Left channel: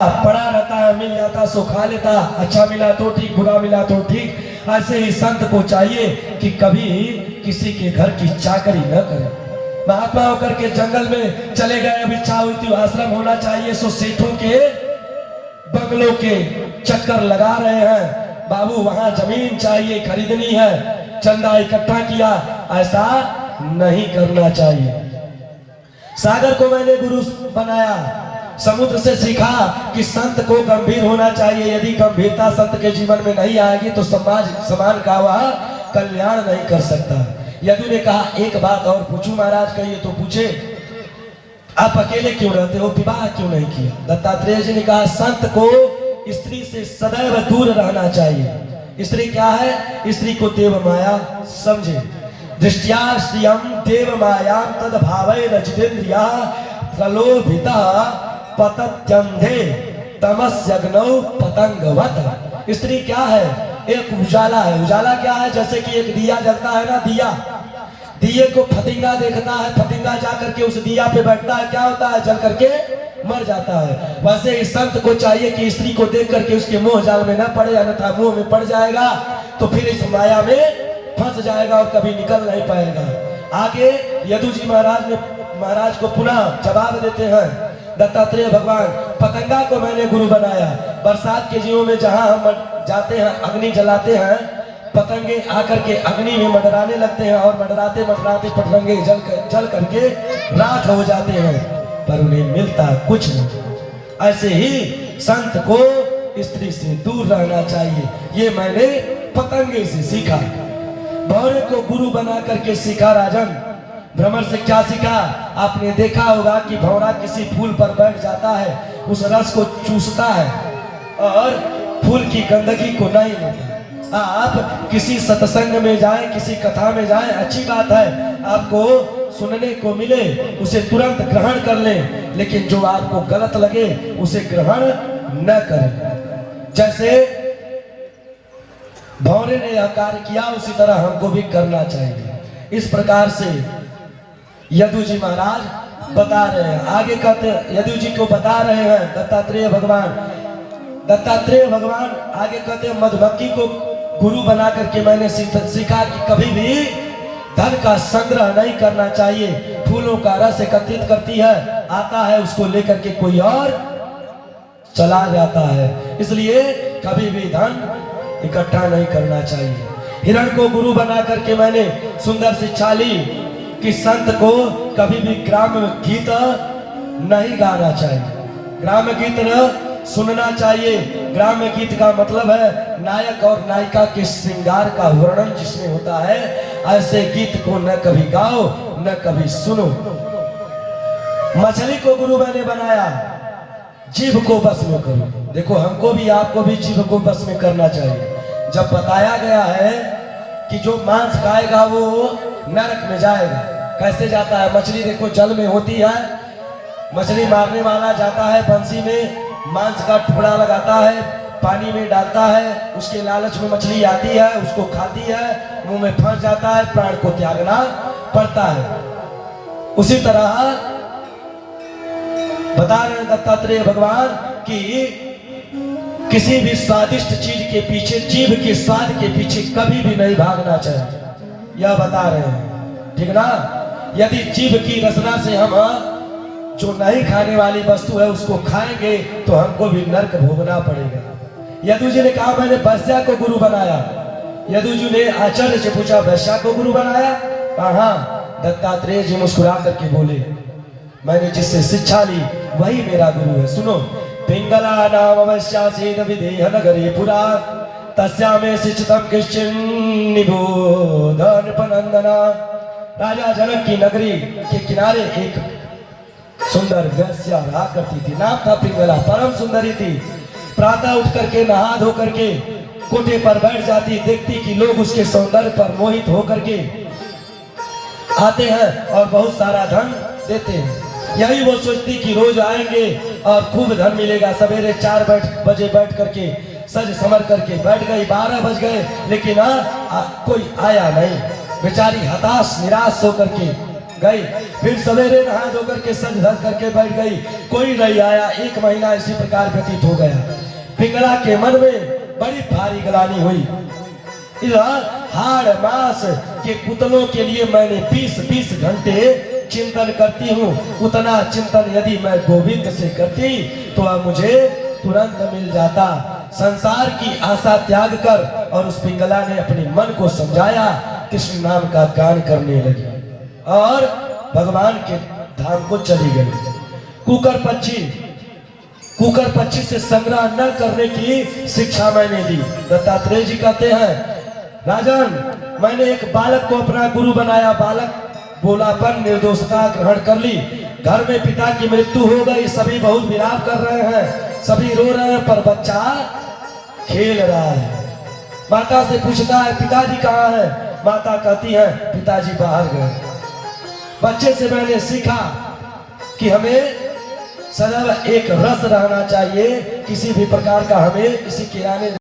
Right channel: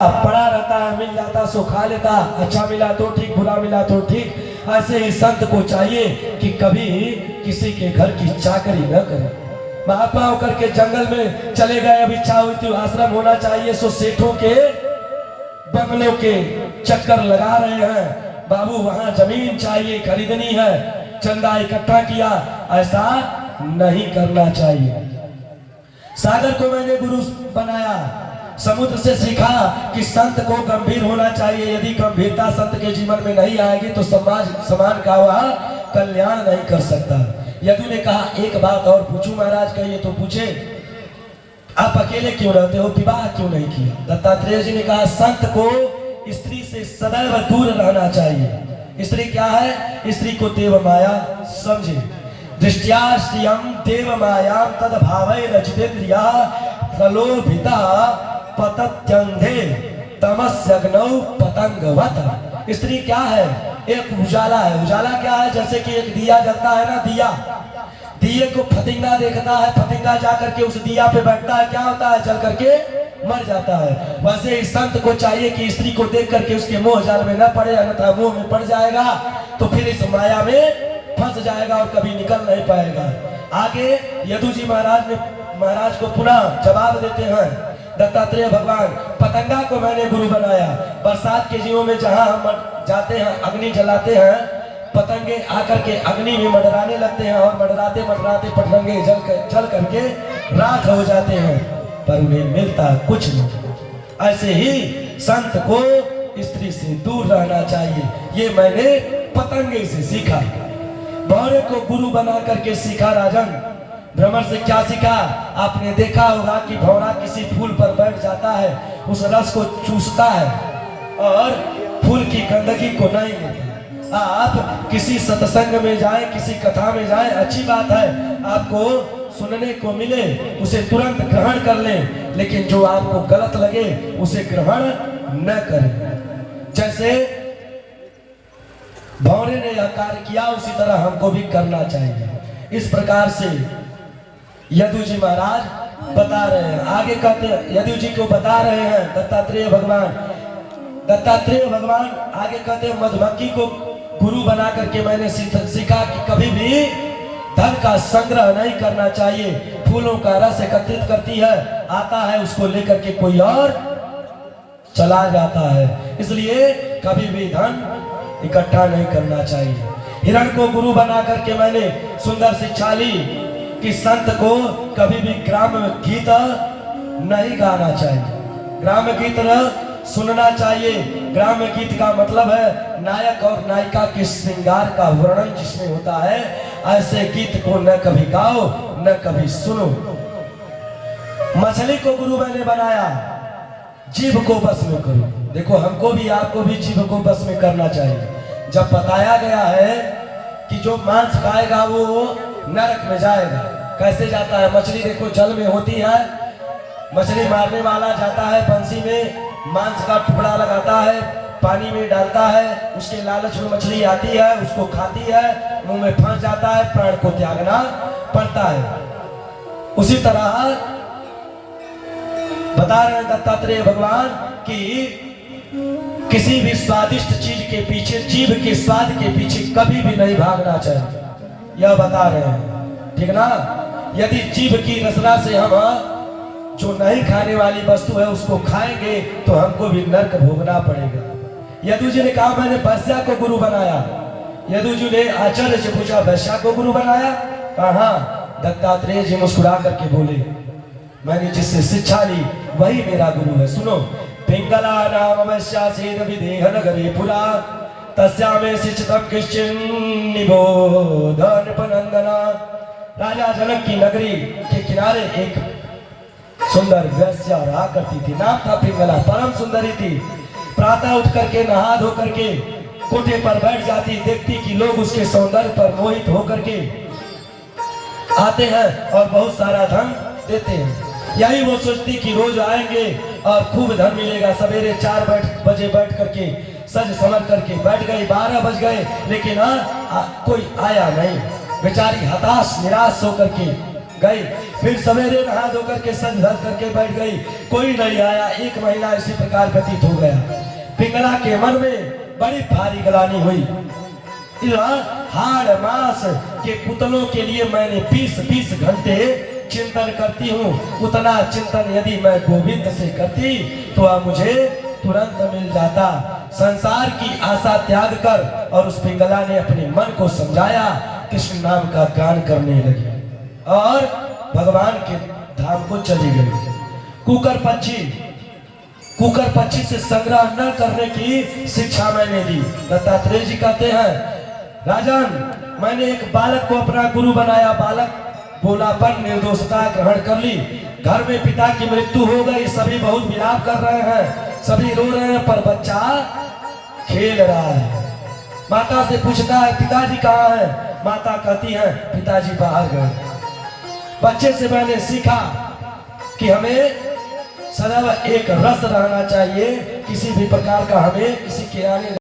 पड़ा रहता है, मिल जाता सो खा लेता, अच्छा मिला तो ठीक, बुरा मिला तो ठीक। ऐसे ही संत को चाहिए कि कभी किसी के घर की चाकरी न करे। महात्मा होकर के जंगल में चले गए, अब इच्छा हुई थी आश्रम होना चाहिए, सो सेठों के बंगलों के चक्कर लगा रहे हैं। बाबू वहां जमीन चाहिए, खरीदनी है, चंदा इकट्ठा किया। ऐसा नहीं करना चाहिए। सागर को मैंने गुरु बनाया, समुद्र से सीखा कि संत को गंभीर होना चाहिए। यदि गंभीरता संत के जीवन में नहीं आएगी तो समाज का वह कल्याण नहीं कर सकता। यदु ने कहा एक बात और पूछूं महाराज, कहिए। तो पूछे, आप अकेले क्यों रहते हो, विवाह क्यों नहीं किया? दत्तात्रेय जी ने कहा संत को स्त्री से सदैव दूर रहना चाहिए। स्त्री क्या है? स्त्री को देव माया समझे। दृष्टिया श्रियम देव माया तद भावै रजितेन्द्रिया प्रलोभिता पतत्यंधे तमस्यग्नौ पतंगवत। स्त्री क्या है? एक उजाला है। उजाला क्या है? जैसे कि एक दिया जलता है ना, दिया, दिए को फतिंगा देखता है, फतिंगा जाकर के उस दिया पे बैठता है, क्या होता है? जल करके मर जाता है। वैसे इस संत को चाहिए कि स्त्री को देख करके उसके मोह जाल में न पड़े, अन्यथा मोह में पड़ जाएगा तो फिर इस माया में फंस जाएगा और कभी निकल नहीं पाएगा। आगे यदु जी महाराज को पुनः जवाब देते हैं दत्तात्रेय भगवान, पतंगा को मैंने गुरु बनाया। बरसात के दिनों में जहां हम जाते हैं, अग्नि जलाते हैं, पतंगे आकर के अग्नि में मंडराने लगते हैं और मंडराते मंडराते पतंगे जल करके राख हो जाते हैं, पर उन्हें मिलता कुछ नहीं। ऐसे ही संत को स्त्री से दूर रहना चाहिए। ये मैंने पतंगे से सीखा। भौरे को गुरु बना करके सीखा राजन। भ्रमर से क्या सीखा? आपने देखा होगा कि भौरा किसी फूल पर बैठ जाता है, उस रस को चूसता है और फूल की गंदगी को नहीं लेता। आप किसी सत्संग में जाए, किसी कथा में जाए, अच्छी बात है, आपको सुनने को मिले उसे तुरंत ग्रहण कर ले, लेकिन जो आपको गलत लगे उसे ग्रहण न करें। जैसे भौरे ने यह कार्य किया, उसी तरह हमको भी करना चाहिए। इस प्रकार से यदु जी महाराज बता रहे हैं। आगे कहते यदु जी को बता रहे हैं दत्तात्रेय भगवान। दत्तात्रेय भगवान आगे कहते हैं मधुमक्खी को गुरु बना करके मैंने सीखा कि कभी भी धन का संग्रह नहीं करना चाहिए। फूलों का रस एकत्रित करती है, आता है, उसको लेकर के कोई और चला जाता है, इसलिए कभी भी धन इकट्ठा नहीं करना चाहिए। हिरण को गुरु बना करके मैंने सुंदर शिक्षा ली कि संत को कभी भी ग्राम गीत नहीं गाना चाहिए, ग्राम गीत न सुनना चाहिए। ग्राम गीत का मतलब है नायक और नायिका के श्रृंगार का वर्णन जिसमें होता है, ऐसे गीत को न कभी गाओ न कभी सुनो। मछली को गुरु मैंने बनाया, जीभ को बस में करो। देखो हमको भी आपको भी जीभ को बस में करना चाहिए। जब बताया गया है कि जो मांस खाएगा वो नरक में जाएगा। कैसे जाता है? मछली देखो जल में होती है, मछली मारने वाला जाता है बंसी में, मांस का टुकड़ा लगाता है, पानी में डालता है, उसके लालच में मछली आती है, उसको खाती है, मुंह में फंस जाता है, प्राण को त्यागना पड़ता है। उसी तरह बता रहे हैं दत्तात्रेय भगवान कि किसी भी स्वादिष्ट चीज के पीछे, जीभ के स्वाद के पीछे कभी भी नहीं भागना चाहिए, यह बता रहे हैं, ठीक ना? यदि जीभ की रसना से हम जो नहीं खाने वाली वस्तु है उसको खाएंगे तो हमको भी नरक भोगना पड़ेगा। यदु जी ने कहा मैंने वैश्या को गुरु बनाया। यदु जी ने आचार्य से पूछा वैश्या को गुरु बनाया? हाँ। दत्तात्रेय जी मुस्कुरा करके बोले मैंने जिससे शिक्षा ली वही मेरा गुरु है। सुनो, पिंगला नाम वैश्यासीन विदेह नगरे पुरा तस्यामे शिक्षितम किश्चिन निबोधन पनंदना। राजा जनक की नगरी के किनारे एक सुंदर वैश्या रहा करती थी, नाम था पिंगला, परम सुंदरी थी। प्रातः उठ करके नहा धो करके कोठे पर बैठ जाती, देखती कि लोग उसके सौंदर्य पर मोहित होकर के आते हैं और बहुत सारा धन देते हैं। यही वो सोचती कि रोज आएंगे और खूब धन मिलेगा। सवेरे 4 बजे बैठ करके सज समर करके बैठ गई, 12 बज गए, लेकिन कोई आया नहीं। बेचारी हताश निराश होकर के गई। फिर सवेरे नहा धो करके सज धज करके बैठ गई, कोई नहीं आया। 1 महीना इसी प्रकार व्यतीत हो गया। पिंगला के मन में बड़ी भारी गलानी हुई। हाड़ मास के पुतलों के लिए मैंने 20-20 घंटे चिंतन करती हूँ। उतना चिंतन यदि मैं गोविंद से करती तो अब मुझे तुरंत मिल जाता। संसार की आशा त्याग कर और उस पिंगला ने अपने मन को समझाया, कृष्ण नाम का गान करने लगी और भगवान के धाम को चली गई। कुकर पक्षी से संग्रह न करने की शिक्षा मैंने दी। दत्तात्रेय जी कहते हैं, राजन मैंने एक बालक को अपना गुरु बनाया। बालक भोलापन निर्दोषता ग्रहण कर ली। घर में पिता की मृत्यु हो गई, सभी बहुत विलाप कर रहे हैं, सभी रो रहे हैं, पर बच्चा खेल रहा है। माता से पूछता है, पिताजी कहाँ है? माता कहती है, पिताजी बाहर गए। बच्चे से मैंने सीखा कि हमें सदैव एक रस रहना चाहिए, किसी भी प्रकार का हमें किसी के आने